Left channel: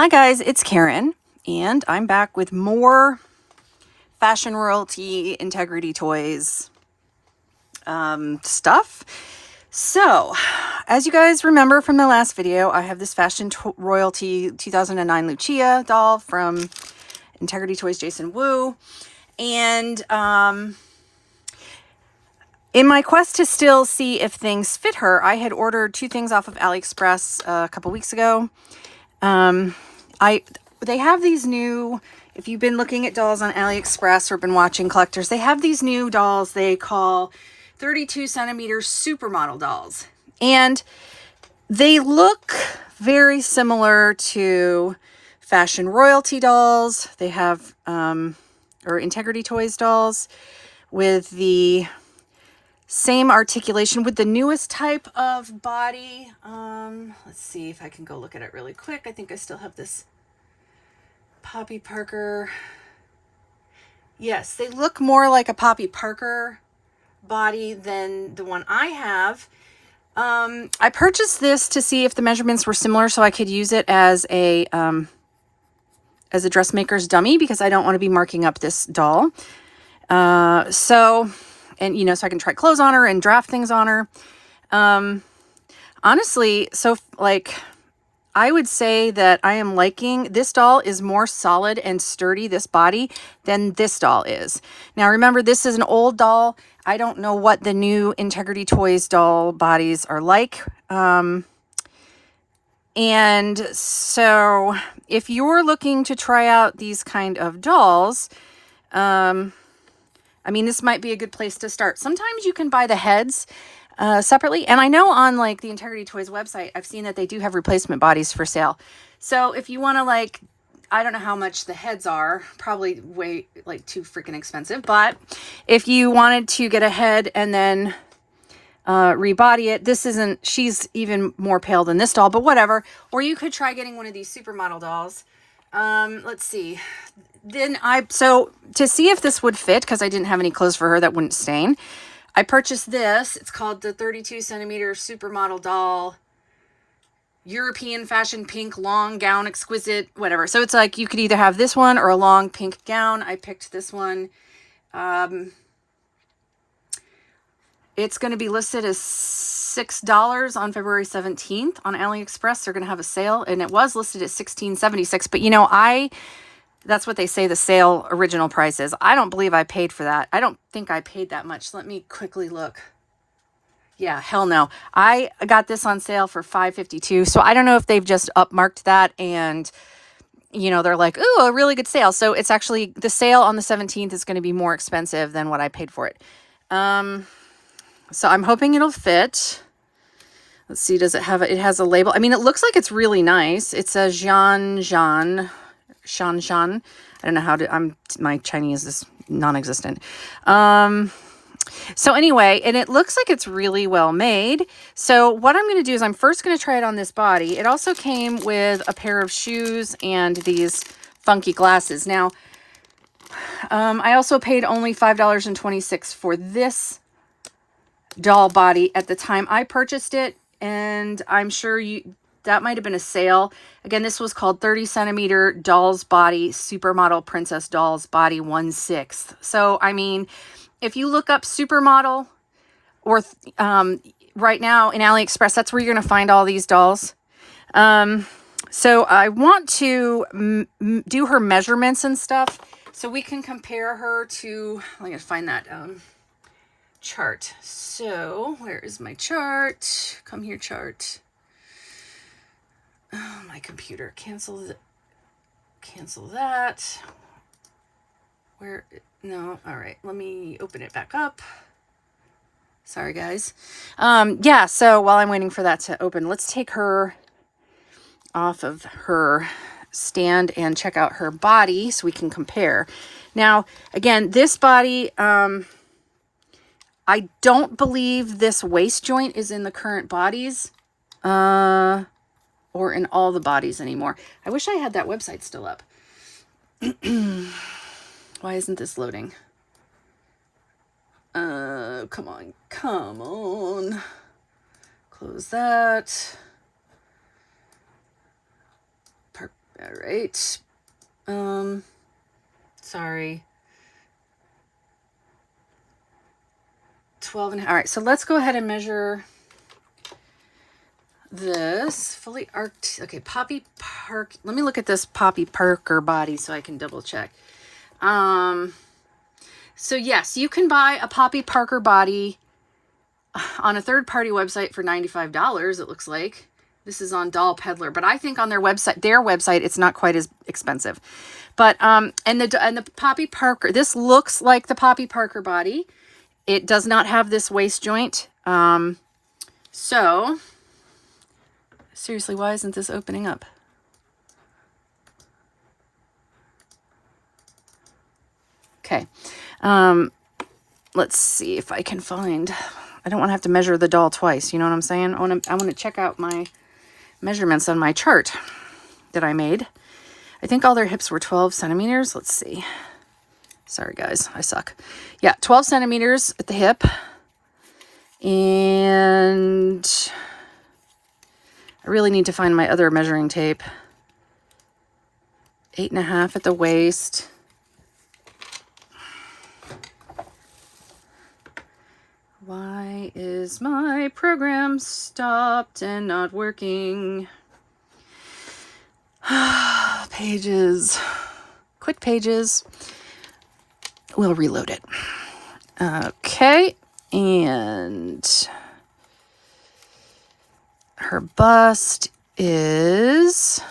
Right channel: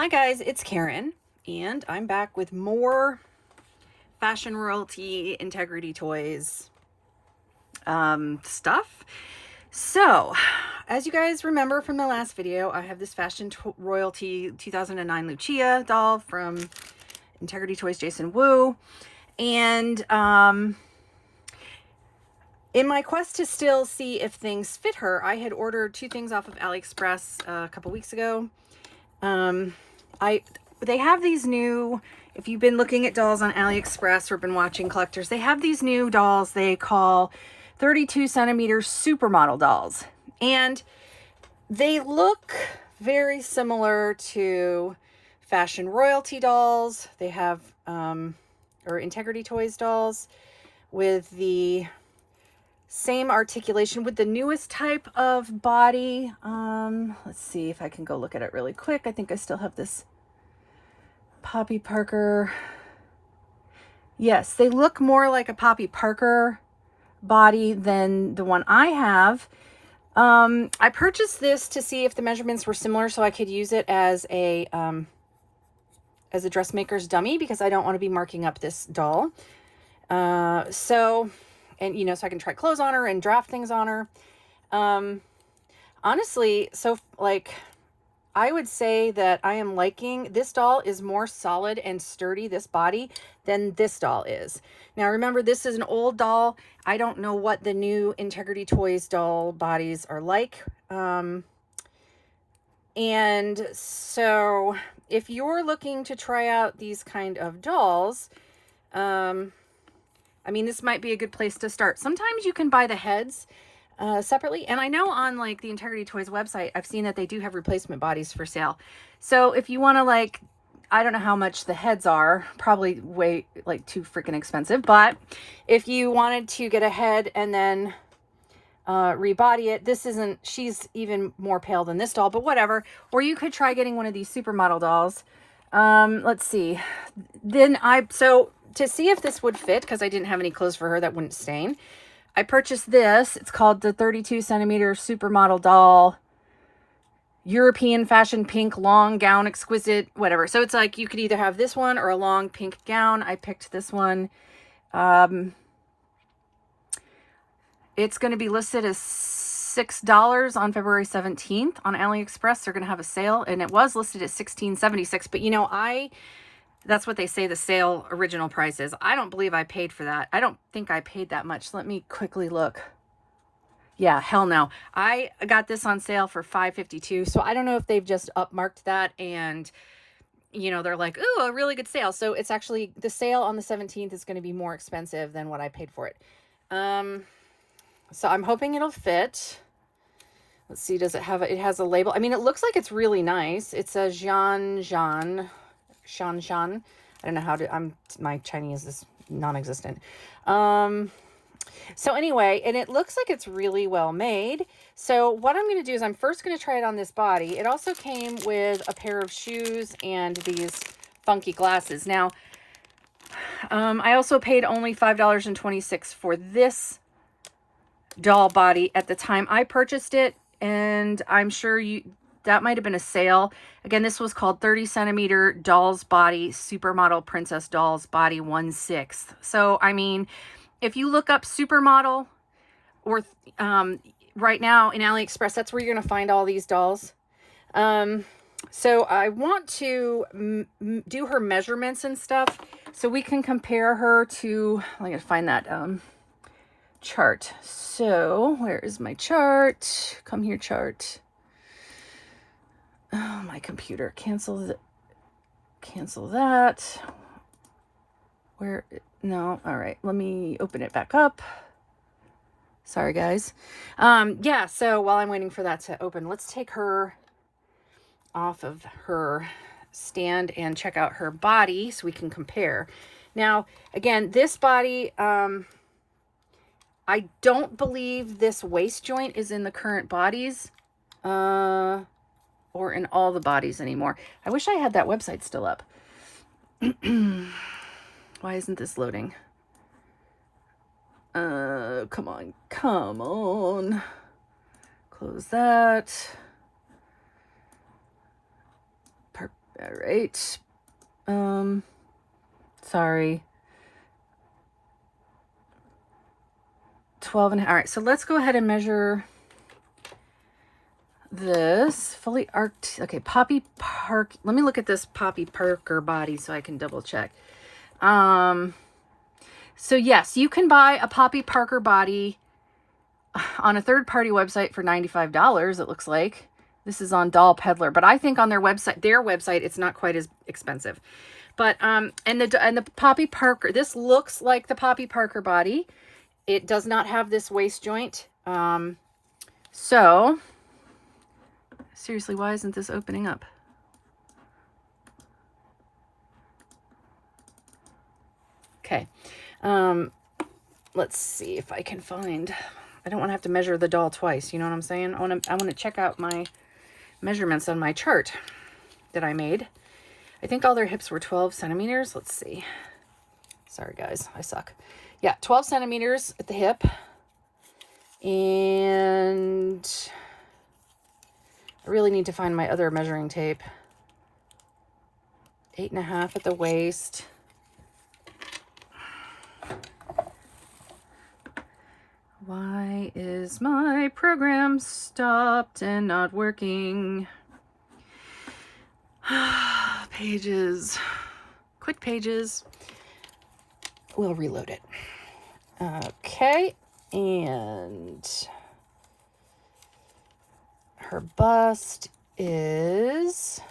Hi guys, it's Karen, and I'm back with more Fashion Royalty Integrity Toys stuff. So, as you guys remember from the last video, I have this Fashion Royalty 2009 Lucia doll from Integrity Toys Jason Wu, and in my quest to still see if things fit her, I had ordered two things off of AliExpress a couple weeks ago. They have these new, if you've been looking at dolls on AliExpress or been watching collectors, they have these new dolls they call 32 centimeter supermodel dolls. And they look very similar to Fashion Royalty dolls. They have, or Integrity Toys dolls with the same articulation with the newest type of body. Let's see if I can go look at it really quick. I think I still have this Poppy Parker. Yes, they look more like a Poppy Parker body than the one I have. I purchased this to see if the measurements were similar so I could use it as a dressmaker's dummy, because I don't want to be marking up this doll. So I can try clothes on her and draft things on her. Honestly, so I would say that I am liking this doll is more solid and sturdy, this body, than this doll is. Now remember, this is an old doll. I don't know what the new Integrity Toys doll bodies are like. And so if you're looking to try out these kind of dolls, this might be a good place to start. Sometimes you can buy the heads separately. And I know on the Integrity Toys website, I've seen that they do have replacement bodies for sale. So if you want to I don't know how much the heads are, probably way too freaking expensive. But if you wanted to get a head and then rebody it, she's even more pale than this doll, but whatever. Or you could try getting one of these supermodel dolls. Let's see. So to see if this would fit, because I didn't have any clothes for her that wouldn't stain, I purchased this. It's called the 32 centimeter supermodel doll, European fashion pink long gown, exquisite, whatever. So it's you could either have this one or a long pink gown. I picked this one. It's going to be listed as $6 on February 17th on AliExpress. They're going to have a sale, and it was listed at $16.76. But that's what they say the sale original price is. I don't believe I paid for that. I don't think I paid that much. Let me quickly look. Yeah, hell no. I got this on sale for $5.52. So I don't know if they've just upmarked that and, they're like, ooh, a really good sale. So it's actually, the sale on the 17th is going to be more expensive than what I paid for it. So I'm hoping it'll fit. Let's see, does it have, it has a label. It looks like it's really nice. It says Shan. I don't know how to, my Chinese is non-existent. So anyway, and it looks like it's really well made. So what I'm going to do is I'm first going to try it on this body. It also came with a pair of shoes and these funky glasses. Now, I also paid only $5.26 for this doll body at the time I purchased it. And I'm sure that might have been a sale. Again, this was called 30 centimeter dolls body, supermodel princess dolls body 1/6. So, if you look up supermodel or right now in AliExpress, that's where you're going to find all these dolls. So I want to do her measurements and stuff so we can compare her to, I'm going to find that chart. So where is my chart? Come here, chart. Oh, my computer. Cancel that. Where? No. All right. Let me open it back up. Sorry, guys. Yeah. So while I'm waiting for that to open, let's take her off of her stand and check out her body so we can compare. Now, again, this body, I don't believe this waist joint is in the current bodies. Or in all the bodies anymore. I wish I had that website still up. Why isn't this loading? Come on. Close that. All right. Sorry. 12 and all right, so let's go ahead and measure this fully arced. Okay, Poppy Park. Let me look at this Poppy Parker body so I can double check. So yes, you can buy a Poppy Parker body on a third-party website for $95, it looks like. This is on Doll Peddler, but I think on their website, it's not quite as expensive. But and the Poppy Parker, this looks like the Poppy Parker body. It does not have this waist joint. So seriously, why isn't this opening up? Okay. Let's see if I can find, I don't want to have to measure the doll twice. You know what I'm saying? I want to check out my measurements on my chart that I made. I think all their hips were 12 centimeters. Let's see. Sorry, guys. I suck. Yeah, 12 centimeters at the hip. And I really need to find my other measuring tape. 8.5 at the waist. Why is my program stopped and not working? Pages. Quick pages. We'll reload it. Okay. And her bust is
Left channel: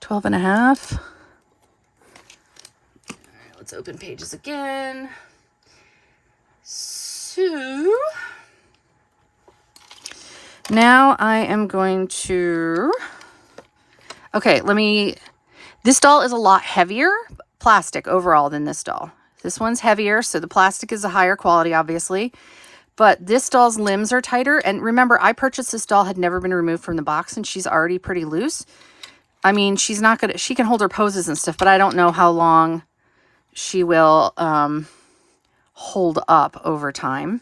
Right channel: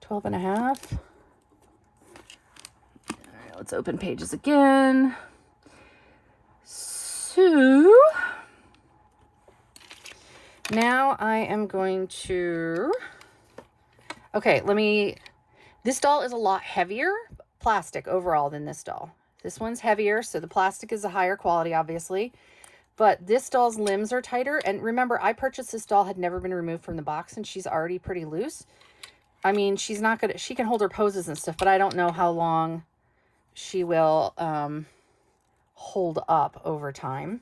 12.5. All right, let's open pages again. So now I am going to, okay, this doll is a lot heavier plastic overall than this doll. This one's heavier, so the plastic is a higher quality, obviously. But this doll's limbs are tighter. And remember, I purchased this doll, had never been removed from the box, and she's already pretty loose. I mean, she can hold her poses and stuff, but I don't know how long she will hold up over time.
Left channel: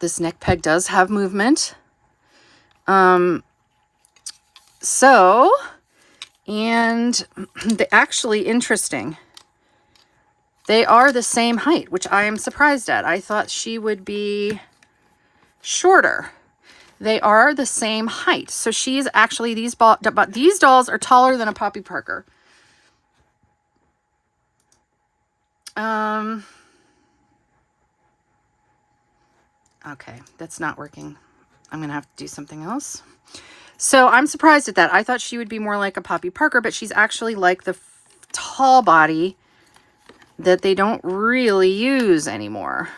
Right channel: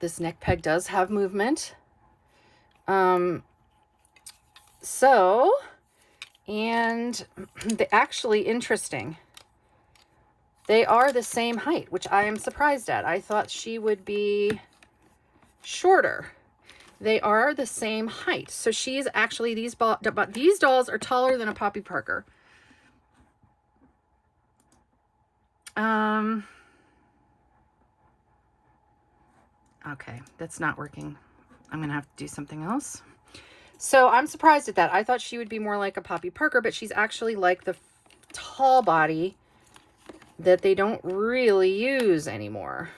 This neck peg does have movement. And actually interesting. They are the same height, which I am surprised at. I thought she would be shorter. They are the same height. So she's actually, these dolls are taller than a Poppy Parker. Okay, that's not working. I'm gonna have to do something else. So I'm surprised at that. I thought she would be more like a Poppy Parker, but she's actually like the tall body that they don't really use anymore.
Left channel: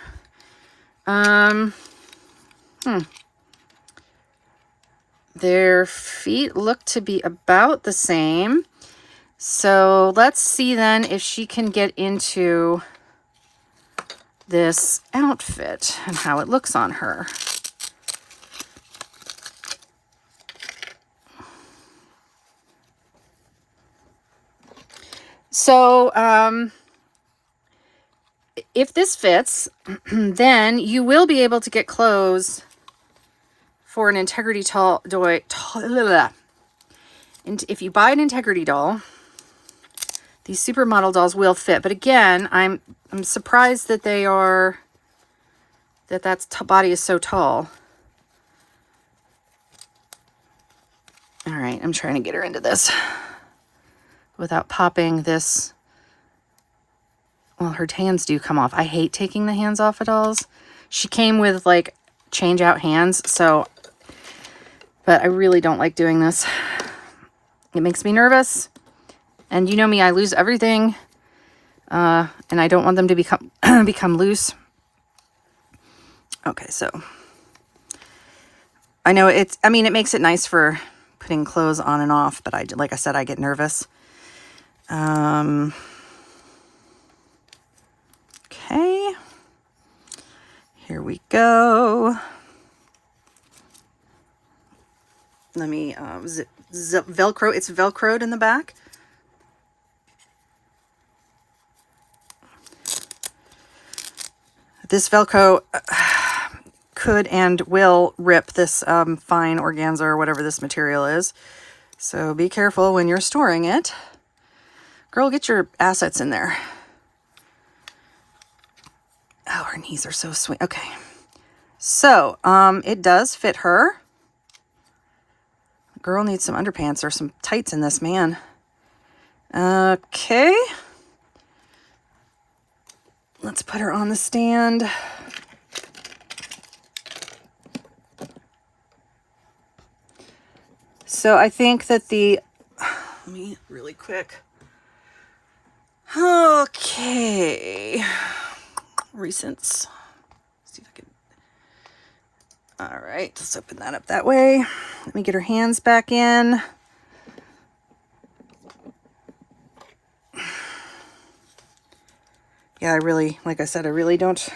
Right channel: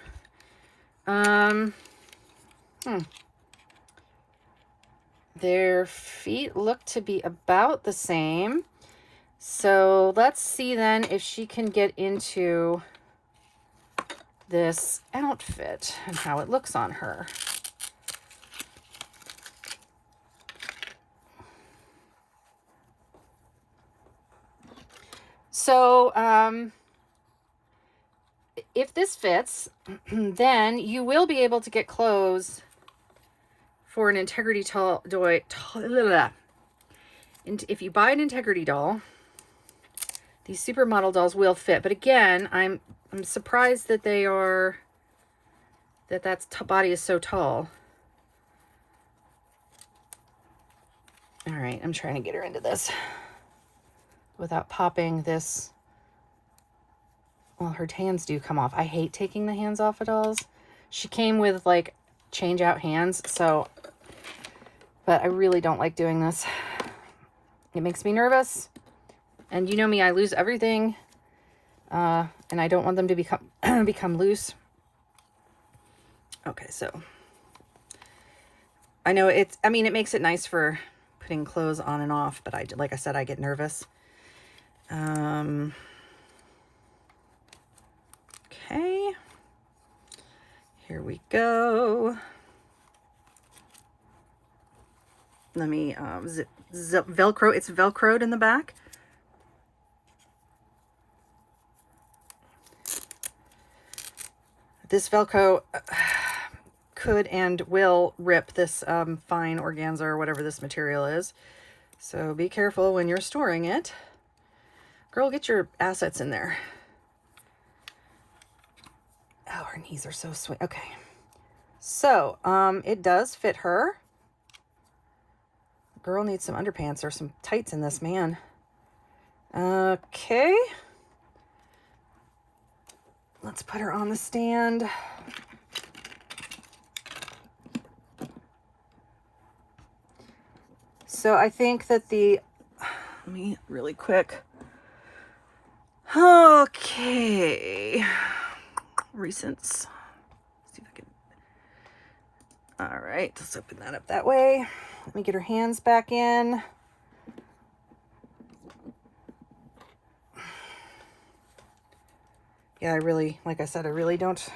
Their feet look to be about the same. So let's see then if she can get into this outfit and how it looks on her. So, if this fits, then you will be able to get clothes for an Integrity doll. And if you buy an Integrity doll, these Supermodel dolls will fit. But again, I'm surprised that that body is so tall. All right, I'm trying to get her into this without popping this. Well, her hands do come off. I hate taking the hands off of dolls. She came with like change out hands, so, but I really don't like doing this. It makes me nervous. And you know me, I lose everything. And I don't want them to become loose. Okay, so I know it makes it nice for putting clothes on and off, but like I said, I get nervous. Okay, here we go. Let me Velcro. It's Velcroed in the back. This Velcro could and will rip this fine organza or whatever this material is. So be careful when you're storing it. Girl, get your assets in there. Oh, her knees are so sweet. Okay. So, it does fit her. Girl needs some underpants or some tights in this, man. Okay. Let's put her on the stand. So I think that let me really quick. Okay. Recents. See if I can. All right, let's open that up that way. Let me get her hands back in. Yeah, like I said, I don't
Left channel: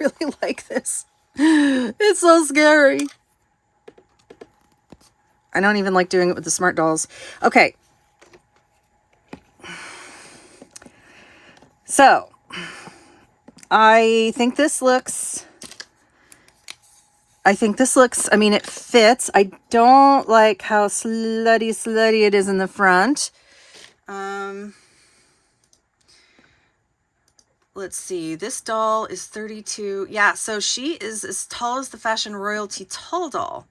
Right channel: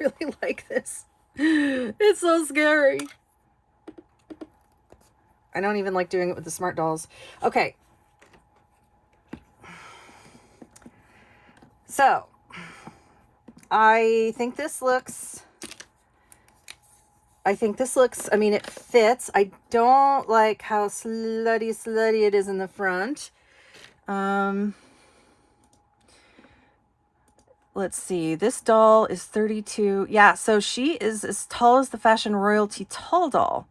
really like this. It's so scary. I don't even like doing it with the Smart Dolls. Okay. So, I think this looks, I mean, it fits. I don't like how slutty it is in the front. Let's see, this doll is 32. Yeah, so she is as tall as the Fashion Royalty tall doll.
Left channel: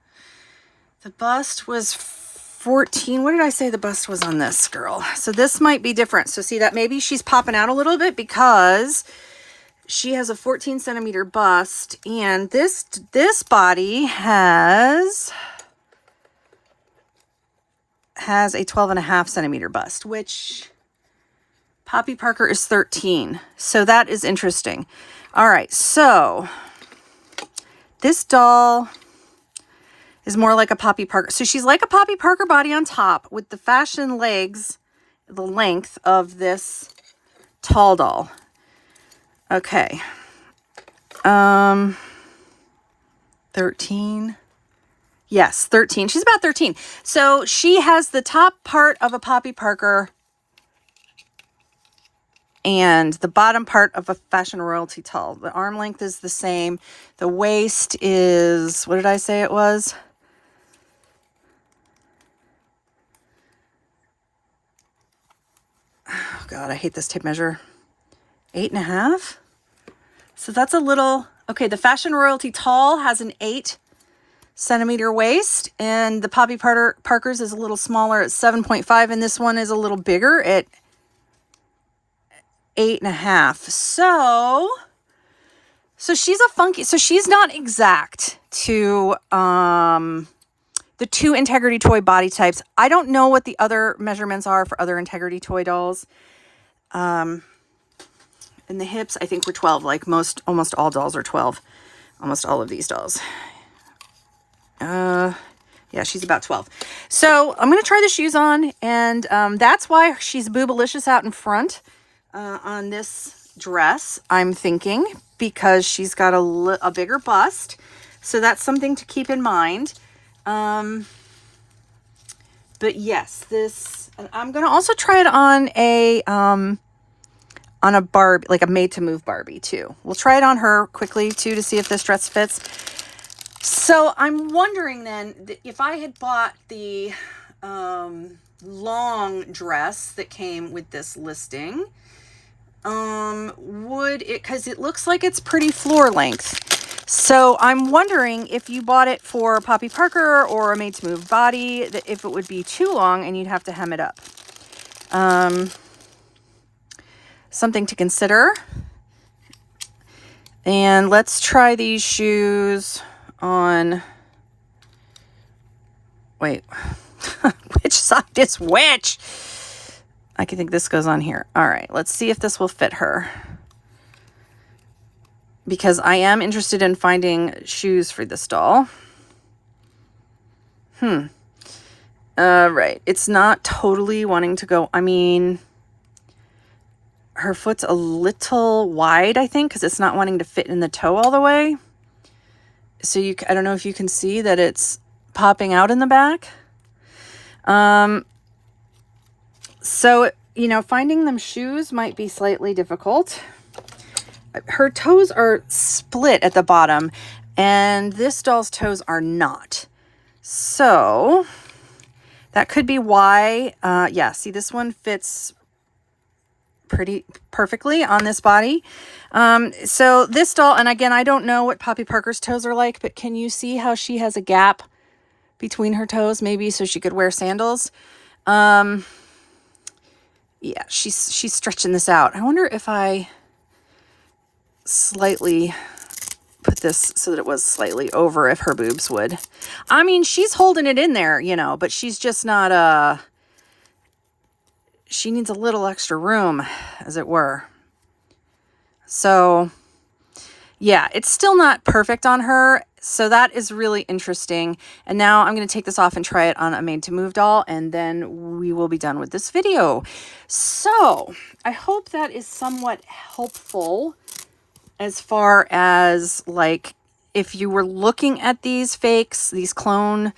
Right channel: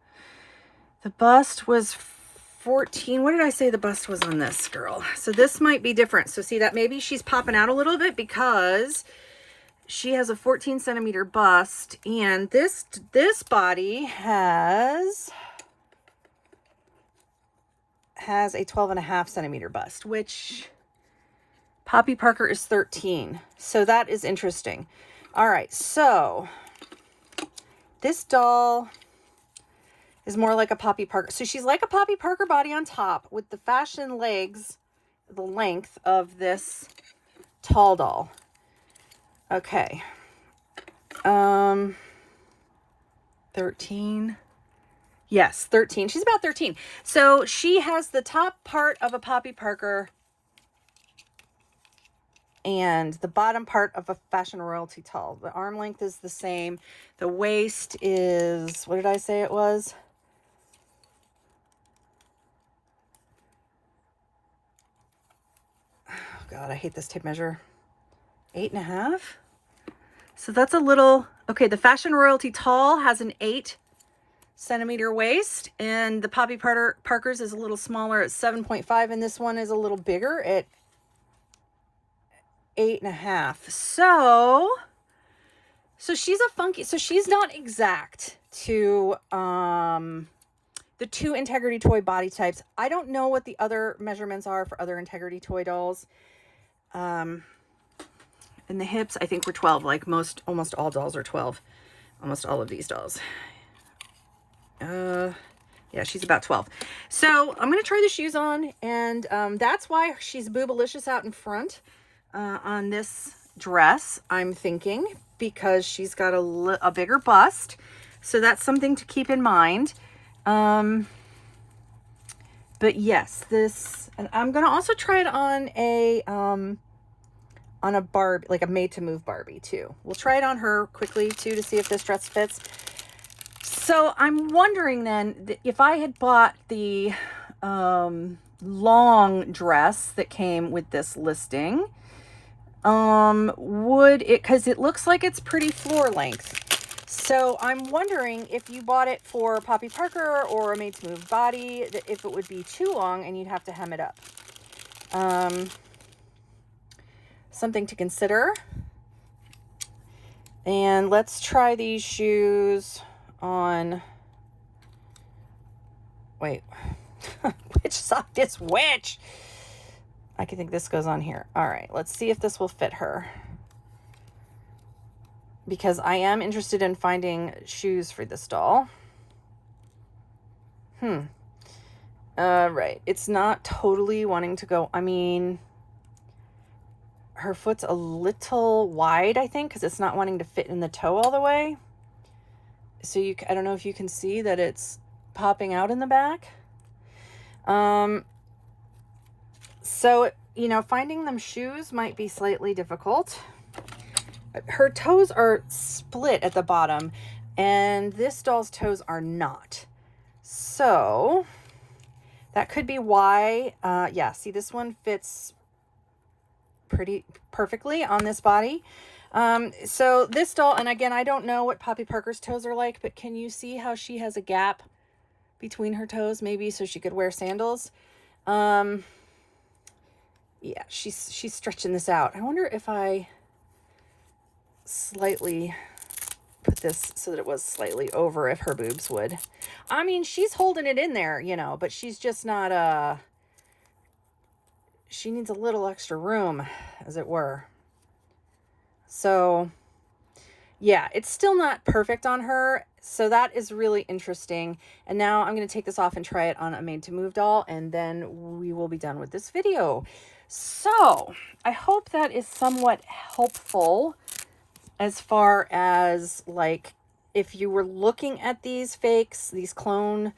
The bust was 14. What did I say the bust was on this girl? So this might be different. So see that maybe she's popping out a little bit because she has a 14 centimeter bust, and this body has a 12.5 centimeter bust, which Poppy Parker is 13. So that is interesting. All right, so this doll is more like a Poppy Parker. So she's like a Poppy Parker body on top with the fashion legs, the length of this tall doll. Okay. 13. Yes, 13. She's about 13. So she has the top part of a Poppy Parker and the bottom part of a Fashion Royalty tall. The arm length is the same. The waist is, what did I say it was? Oh God, I hate this tape measure. 8.5. So that's a little, okay, the Fashion Royalty tall has an 8 centimeter waist, and the Poppy Parker's is a little smaller at 7.5, and this one is a little bigger at 8.5. So she's a funky, so she's not exact to the two Integrity Toy body types. I don't know what the other measurements are for other Integrity Toy dolls. And the hips, I think, were 12, like almost all dolls are 12. Almost all of these dolls. Yeah, she's about 12. So I'm going to try the shoes on, and that's why she's boobalicious out in front on this dress, I'm thinking, because she's got a bigger bust. So that's something to keep in mind. But yes, and I'm going to also try it on a Barbie, like a made-to-move Barbie too. We'll try it on her quickly too to see if this dress fits. So I'm wondering then, if I had bought the long dress that came with this listing, would it, because it looks like it's pretty floor length. So I'm wondering if you bought it for Poppy Parker or a made-to-move body, that if it would be too long and you'd have to hem it up. Something to consider. And let's try these shoes on, wait, which side is which? I can think this goes on here. All right, let's see if this will fit her, because I am interested in finding shoes for this doll. Right, it's not totally wanting to go, I mean, her foot's a little wide, I think, because it's not wanting to fit in the toe all the way. So I don't know if you can see that it's popping out in the back. So, you know, finding them shoes might be slightly difficult. Her toes are split at the bottom, and this doll's toes are not. So that could be why. Yeah, see, this one fits pretty perfectly on this body. So this doll, and again, I don't know what Poppy Parker's toes are like, but can you see how she has a gap between her toes, maybe so she could wear sandals? Yeah, she's stretching this out. I wonder if I slightly put this so that it was slightly over, if her boobs would. I mean, she's holding it in there, you know, but she's just not, she needs a little extra room, as it were. So yeah, it's still not perfect on her. So that is really interesting. And now I'm going to take this off and try it on a made to move doll, and then we will be done with this video. So I hope that is somewhat helpful as far as, like, if you were looking at these fakes, these clone,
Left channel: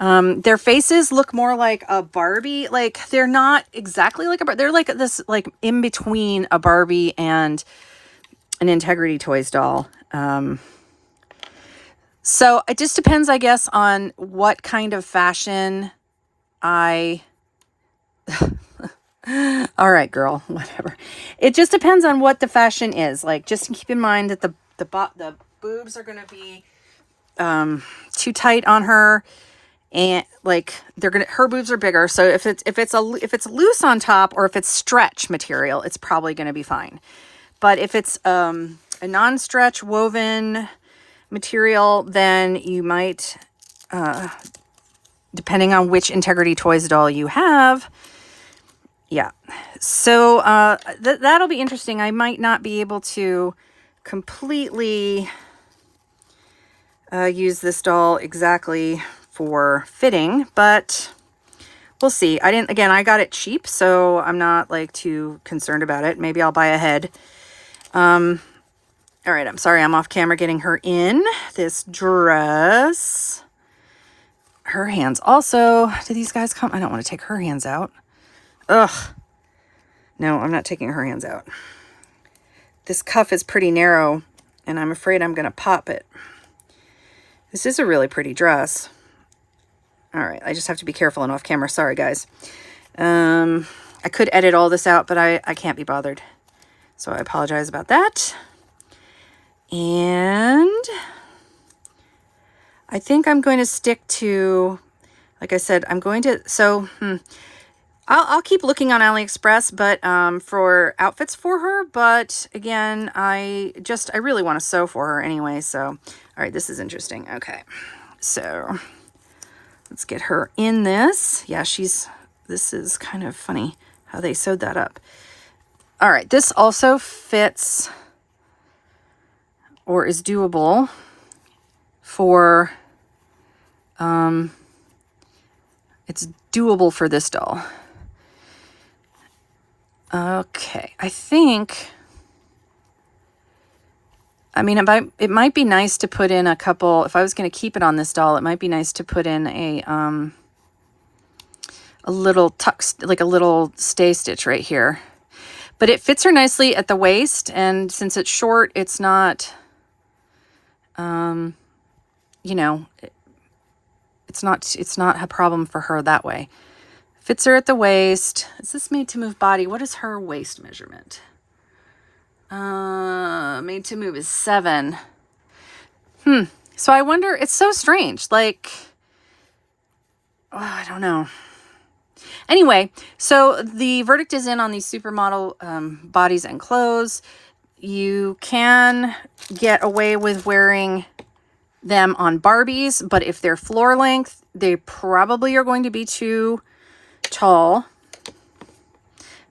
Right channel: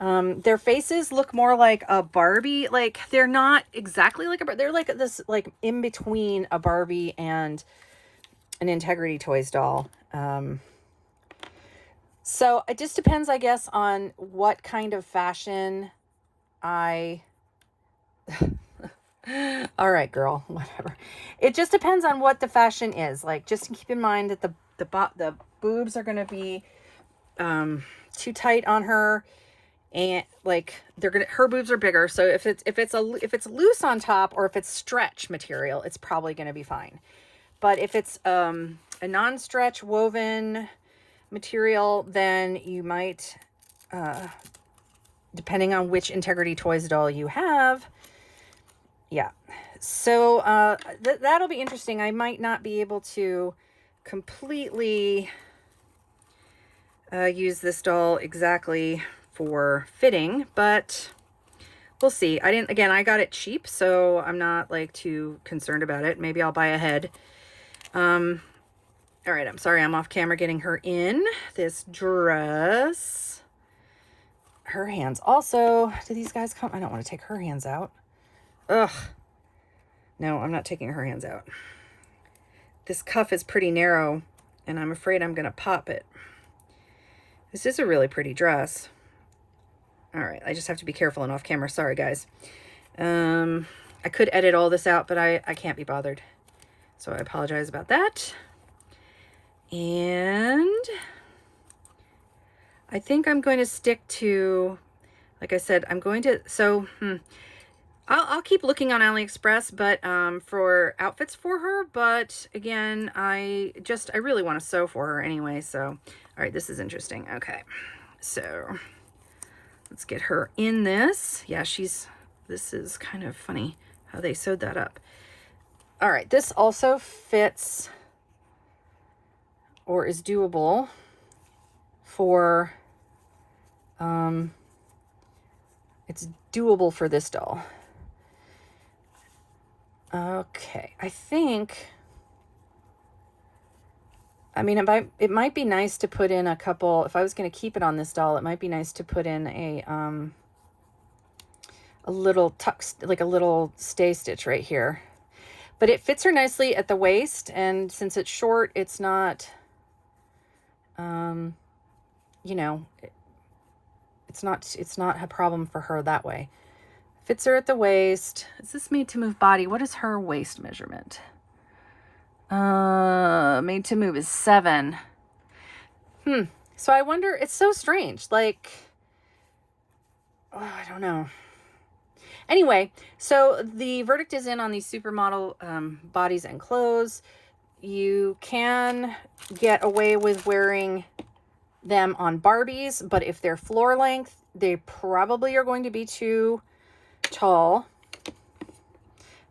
their faces look more like a Barbie. Like, they're not exactly like a Barbie. They're like this, like, in between a Barbie and an Integrity Toys doll. So it just depends, I guess, on what kind of fashion I... All right, girl, whatever. It just depends on what the fashion is. Like, just keep in mind that the boobs are going to be too tight on her, and like her boobs are bigger. So if it's loose on top, or if it's stretch material, it's probably going to be fine. But if it's a non-stretch woven material, then you might, depending on which Integrity Toys doll you have. Yeah, so that'll be interesting. I might not be able to completely use this doll exactly for fitting, but we'll see. I got it cheap, so I'm not like too concerned about it. Maybe I'll buy a head. All right, I'm sorry, I'm off camera getting her in this dress. Her hands also. Do these guys come? I don't want to take her hands out. Ugh. No, I'm not taking her hands out. This cuff is pretty narrow, and I'm afraid I'm going to pop it. This is a really pretty dress. All right, I just have to be careful and off camera. Sorry, guys. I could edit all this out, but I can't be bothered. So I apologize about that. And I think I'm going to stick to, like I said, I'm going to, so I'll keep looking on AliExpress, but for outfits for her. But again, I really want to sew for her anyway. So, all right, this is interesting. Okay, so let's get her in this. Yeah, this is kind of funny how they sewed that up. All right, this also fits or is doable for, it's doable for this doll. Okay, I think, I mean, it might be nice to put in a couple, if I was going to keep it on this doll, it might be nice to put in a little tuck, like a little stay stitch right here. But it fits her nicely at the waist, and since it's short, it's not, you know, it's not a problem for her that way. Fits her at the waist. Is this made to move body? What is her waist measurement? Made to move is 7. So I wonder, it's so strange. Like, oh, I don't know. Anyway, so the verdict is in on these supermodel bodies and clothes. You can get away with wearing them on Barbies, but if they're floor length, they probably are going to be too tall,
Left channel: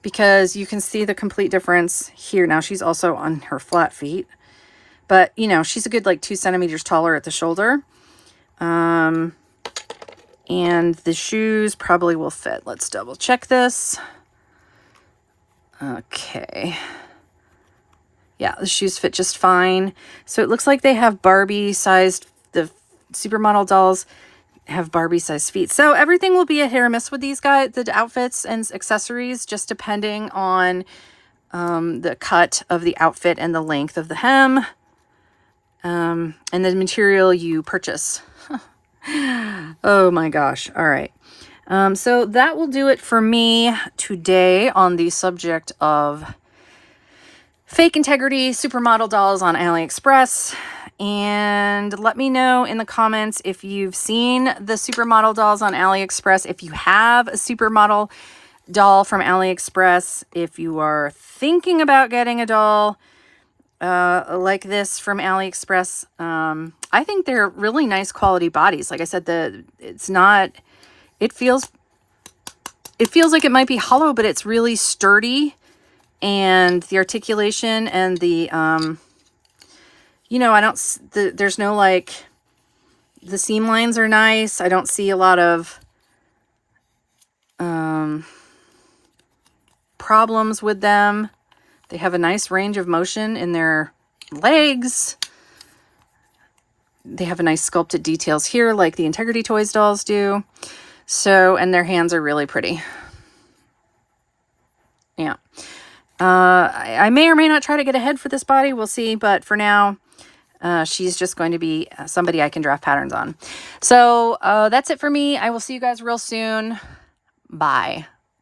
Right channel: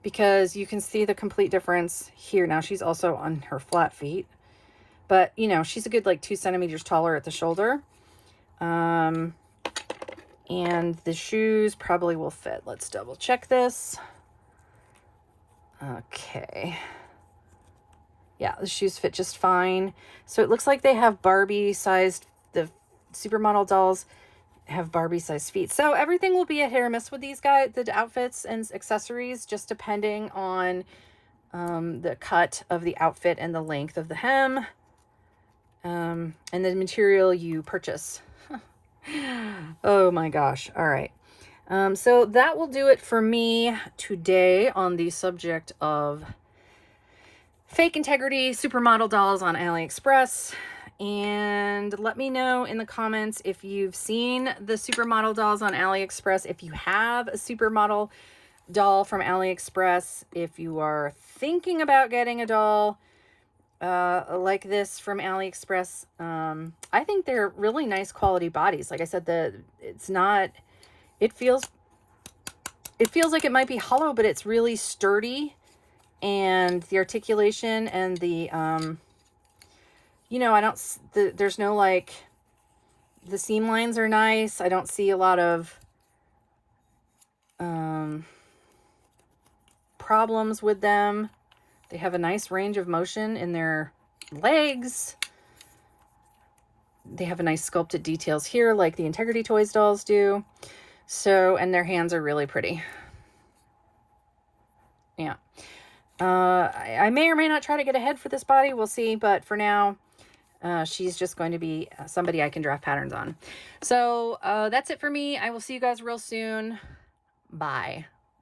because you can see the complete difference here. Now she's also on her flat feet, but you know, she's a good like 2 centimeters taller at the shoulder. And the shoes probably will fit. Let's double check this. Okay. Yeah, the shoes fit just fine. So it looks like they have Barbie sized, the supermodel dolls have Barbie sized feet. So everything will be a hit or miss with these guys, the outfits and accessories, just depending on the cut of the outfit and the length of the hem. and the material you purchase. Oh my gosh. All right. So that will do it for me today on the subject of fake integrity supermodel dolls on AliExpress. And let me know in the comments if you've seen the supermodel dolls on AliExpress, if you have a supermodel doll from AliExpress, if you are thinking about getting a doll like this from AliExpress. I think they're really nice quality bodies. Like I said, it feels like it might be hollow, but it's really sturdy, and the articulation and the you know, there's no, like, the seam lines are nice. I don't see a lot of problems with them. They have a nice range of motion in their legs. They have a nice sculpted details here like the Integrity Toys dolls do. So, and their hands are really pretty. Yeah. I may or may not try to get a head for this body. We'll see. But for now, she's just going to be somebody I can draft patterns on. So that's it for me. I will see you guys real soon. Bye.